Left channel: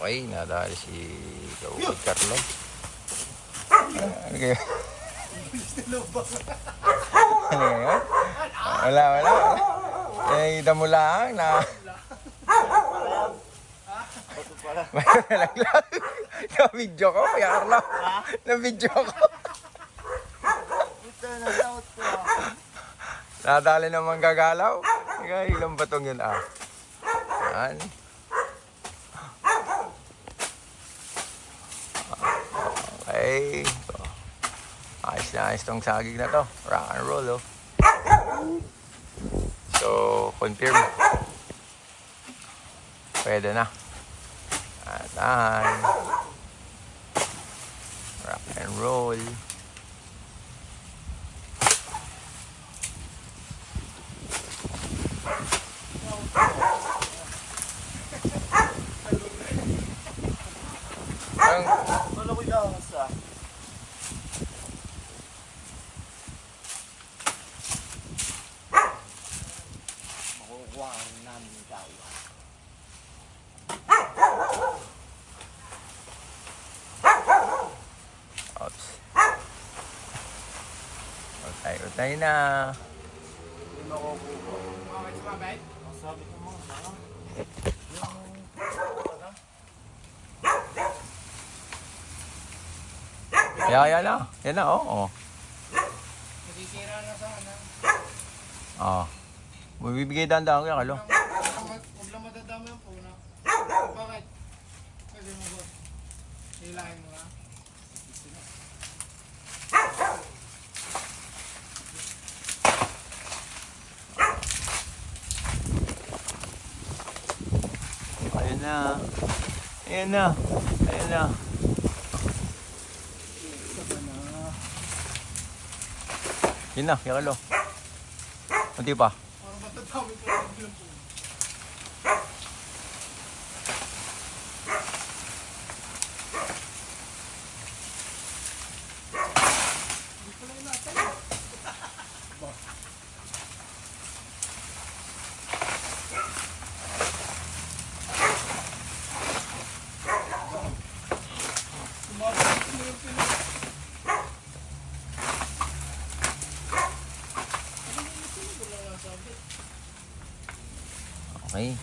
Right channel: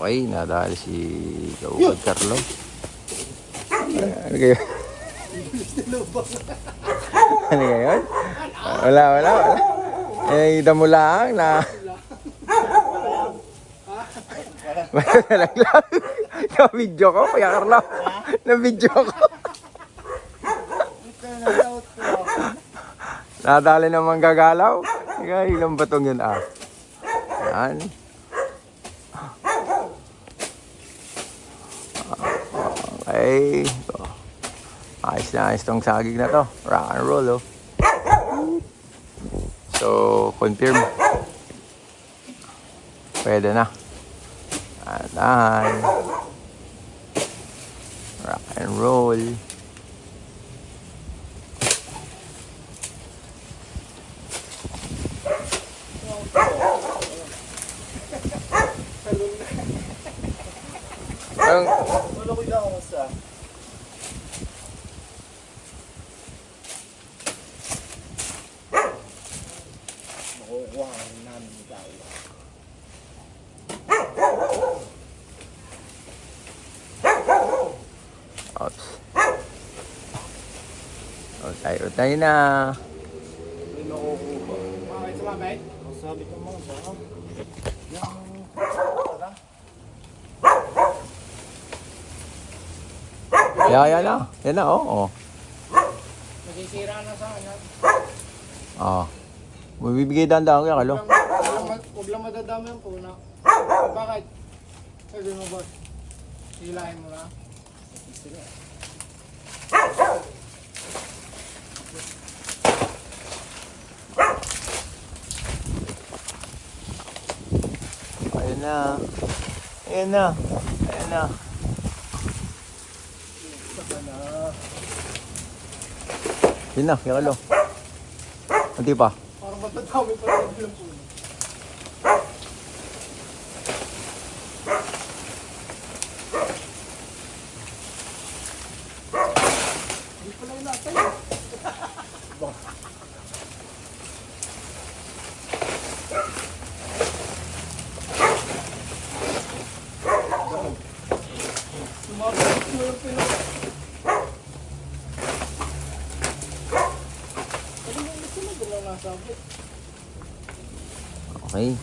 Okay, nadali si Kausap Tatlo. Ano kayo? Ano yan? Wala. Ay, damo lang na. Na-video ko, Kuya Carlo. Na-video ko. Nadali naman gagalaw. Ilang batong yun Yan. Okay. Ayos tong saging na to. Rock and roll, oh. So, confirm. Pwede na. Ayan. Rock and roll. Wala ko yung sa. Makukuha ang namin yung gawa. Oops. Tayo na. Hindi makukuha. Bakit sumabay? Masabit naman sa ako. Yan na. Yan na, oo. Nasisira na sa akin. Mabibigay dahan-dahan Kuya Carlo. Huwag lang madadama yung puna. Bakit? Pwede mo boss. Hilahin mo na. Ayan na. Ayan na. Ayan na. Yun na, Kuya Carlo. Hindi pa. Parang matadami pa rin yung puna. Hindi pala yung natay. Okay.